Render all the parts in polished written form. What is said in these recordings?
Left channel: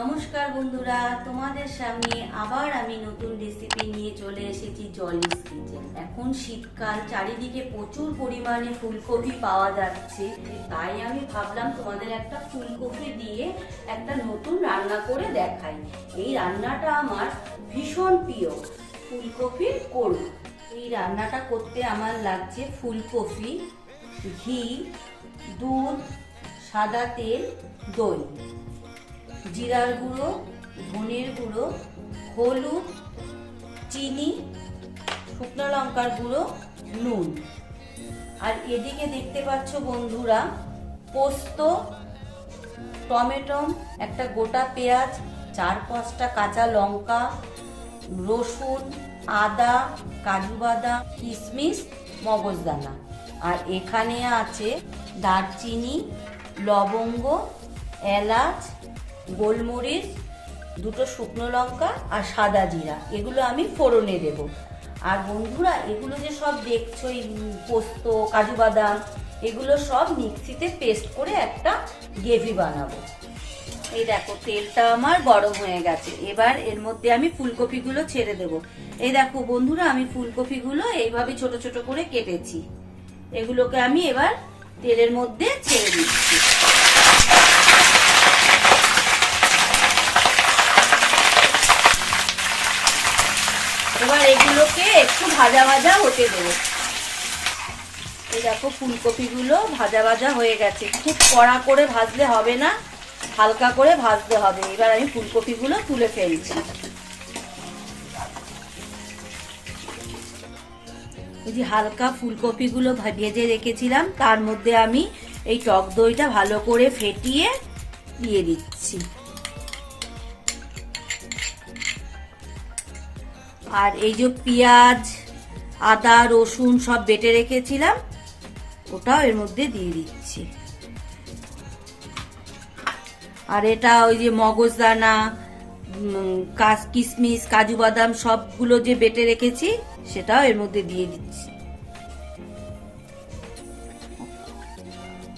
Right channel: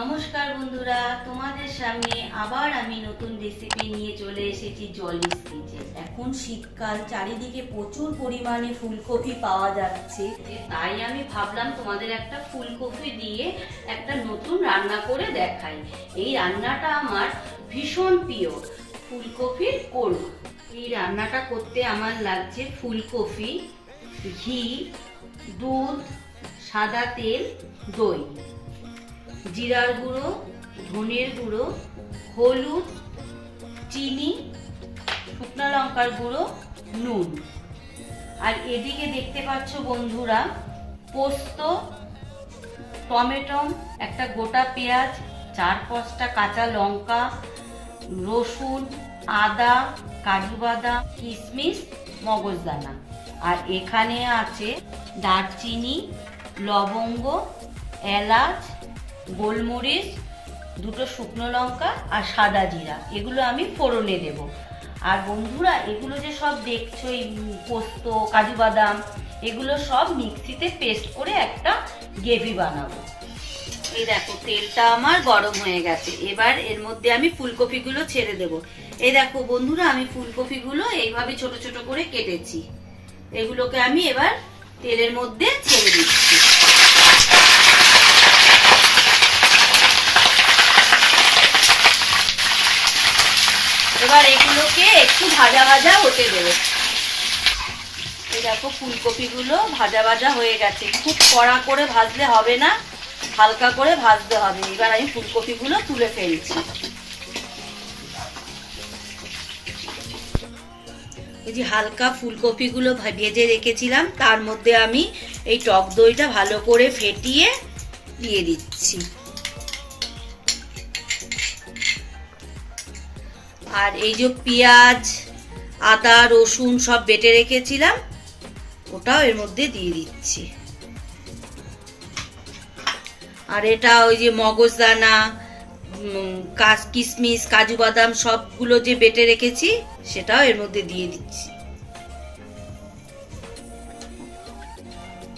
নমস্কার বন্ধুরা, তোমাদের সামনে আবার আমি নতুন রেসিপি নিয়ে চলে এসেছি জলিস কিচেন। এখন শীতকাল, চারিদিকে প্রচুর পরিমাণে ফুলকপি পাওয়া যাচ্ছে, তাই আমি ভাবলাম তোমাদের একটা ফুলকপি দিয়ে একটা নতুন রান্না করে দেখাই। এই রান্নাটা আমার ভীষণ প্রিয়, ফুলকপির কোরমা। এই রান্নাটা করতে আমার লাগছে ফুলকপি, ঘি, দুধ, সাদা তেল, দই, জিরার গুঁড়ো, ধনের গুঁড়ো, হলুদ, চিনি, শুকনো লঙ্কার গুঁড়ো, নুন। আর এদিকে দেখতে পাচ্ছ বন্ধুরা, পোস্ত, টমেটো, একটা গোটা পেঁয়াজ, 4-5টা কাঁচা লঙ্কা, রসুন, আদা, কাজু বাদাম, কিশমিশ, মগজদানা। আর এখানে আছে দারচিনি, লবঙ্গ, এলাচ, গোলমরিচ, 2টো শুকনো লঙ্কা আর সাদা জিরা। এগুলো আমি ফোড়নে দেব। আর বন্ধুরা, এগুলো যে সব দেখছো, পোস্ত, কাজু বাদাম, এগুলো সব মিক্সিতে পেস্ট করে একটা গ্রেভি বানাবো। এই দেখো, তেলটা আমার গরম হয়ে গেছে। এবার এর মধ্যে আমি ফুলকপিগুলো ছেড়ে দেব। এই দেখো বন্ধুরা, আমি ফুলকপিগুলো এইভাবে ছোট ছোট করে কেটেছি। এগুলোকে আমি এবার তেলের মধ্যে ছেড়ে দিচ্ছি। এবার এগুলোকে একটু ভাজা ভাজা হতে দেবো। এই দেখো, ফুলকপিগুলো ভাজা ভাজা হয়ে গেছে। খুব কড়া করে ভাজলে হবে না, হালকা করে ভাজতে হবে। এবার আমি ফুলকপিগুলো তুলে ফেলছি। এই যে হালকা ফুলকপিগুলো ভেজে রেখেছিলাম, তার মধ্যে আমি এই টক দইটা ভালো করে ফেটিয়ে দিয়ে দিচ্ছি। আর এই যে পেঁয়াজ, আদা, রসুন সব বেটে রেখেছিলাম, ওটাও এর মধ্যে দিয়ে দিচ্ছি। আর এটা ওই যে মগজদানা, কিশমিশ, কাজু বাদাম সবগুলো যে বেটে রেখেছি, সেটাও এর মধ্যে দিয়ে দিচ্ছি।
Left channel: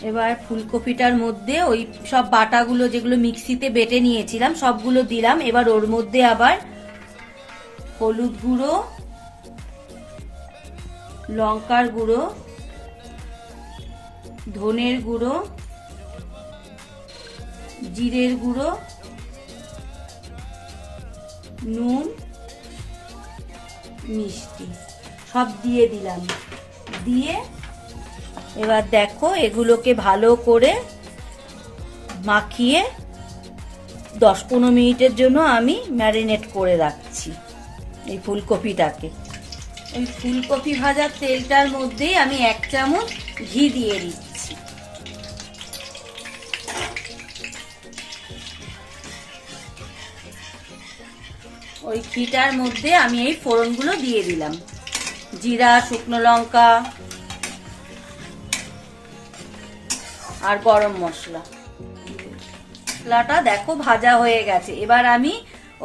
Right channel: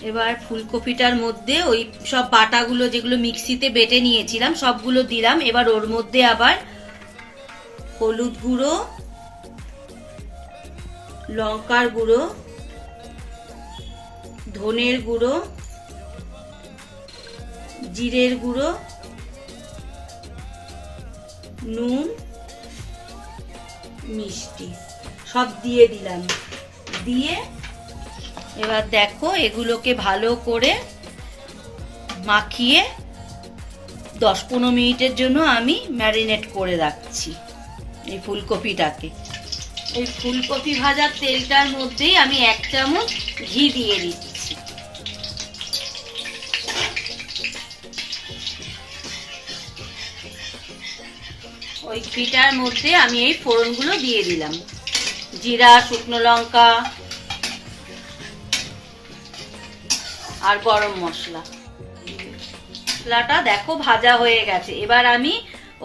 এবার ফুলকপিটার মধ্যে ওই সব বাটাগুলো যেগুলো মিক্সিতে বেটে নিয়েছিলাম সবগুলো দিলাম। এবার ওর মধ্যে আবার হলুদ গুঁড়ো, লঙ্কার গুঁড়ো, ধনের গুঁড়ো, জিরের গুঁড়ো, নুন, মিষ্টি সব দিয়ে দিলাম। দিয়ে এবার দেখো, এগুলোকে ভালো করে মাখিয়ে 10-15 মিনিটের জন্য আমি ম্যারিনেট করে রাখছি এই ফুলকপিটাকে। ওই ফুলকপি ভাজার তেলটার মধ্যেই আমি 1 চামচ ঘি দিয়ে দিচ্ছি। ওই ঘিটার মধ্যে আমি এই ফোড়নগুলো দিয়ে দিলাম। জিরা, শুকনো লঙ্কা আর গরম মশলা। মশলাটা দেখো ভাজা হয়ে গেছে। এবার আমি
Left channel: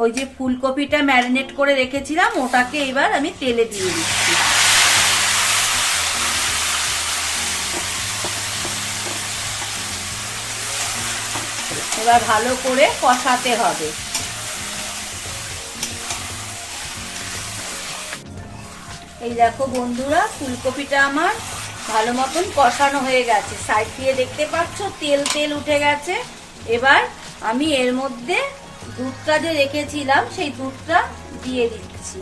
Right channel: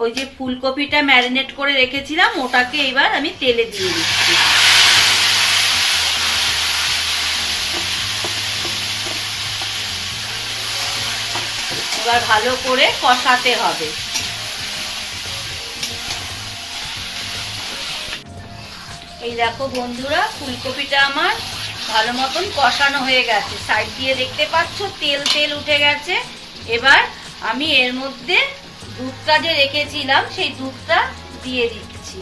ওই যে ফুলকপিটা ম্যারিনেট করে রেখেছিলাম, ওটাকে এবার আমি তেলে দিয়ে দিচ্ছি। এবার ভালো করে কষাতে হবে। এই দেখো বন্ধুরা, ফুলকপিটা আমার ভালো মতন কষানো হয়ে গেছে। সাইড দিয়ে দেখতে পাচ্ছ তেল তেল উঠে গেছে। এবার আমি এর মধ্যে দুধটা যে রেখেছিলাম সেই দুধটা দিয়ে দিচ্ছি।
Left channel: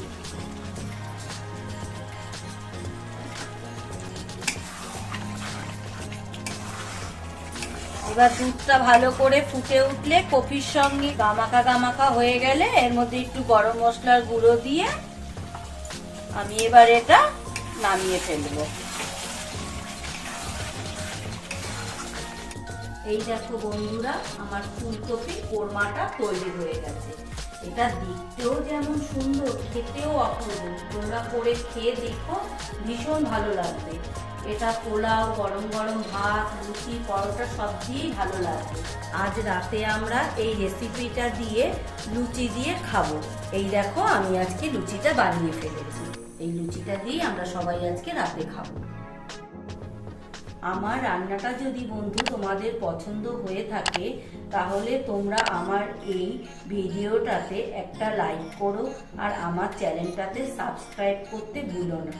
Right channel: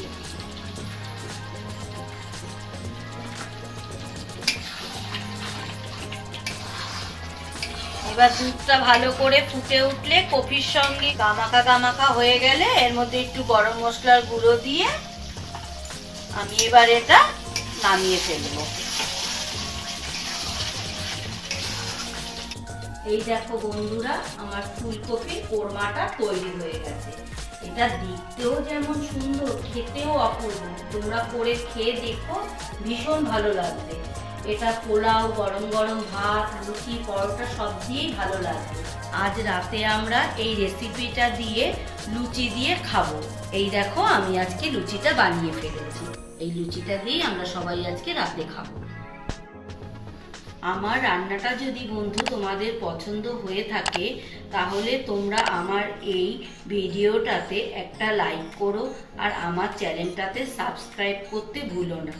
এবার দুধটা ভালো করে ফুটে উঠলে, কপির সঙ্গে গামাখা গামাখা হয়ে গেলে, এর মধ্যে একটু গরম মশলার গুঁড়ো দিয়ে আমি এবার এটা নামিয়ে ফেলবো। এই দেখো বন্ধুরা, আমার ফুলকপি কোরমাটা তৈরি হয়ে গেছে। এটা দেখতেও যেমন সুন্দর, খেতেও অপূর্ব। তোমরা করে খেয়ে দেখো, ভীষণ ভালো লাগবে। এটা পোলাও, গরম গরম ভাত, লুচি, পরোটা সব দিয়েই ভালো লাগবে। আজ রাতে আমরা এই রেসিপিটা দিয়ে লুচি দিয়ে খাবো। এই দেখো, আমি আজকে লুচিটা বানিয়ে ফেলেছি। এই লুচিটা দিয়ে আমরা সবাই আজকে রাতে খাবো। আমার রান্নাটা যদি বন্ধু তোমাদের পছন্দ হয়ে থাকে তাহলে তোমরা আমার এই ভিডিওটাতে একটা লাইক করো আর আমার চ্যানেলটাতে সাবস্ক্রাইব করতে ভুলো না।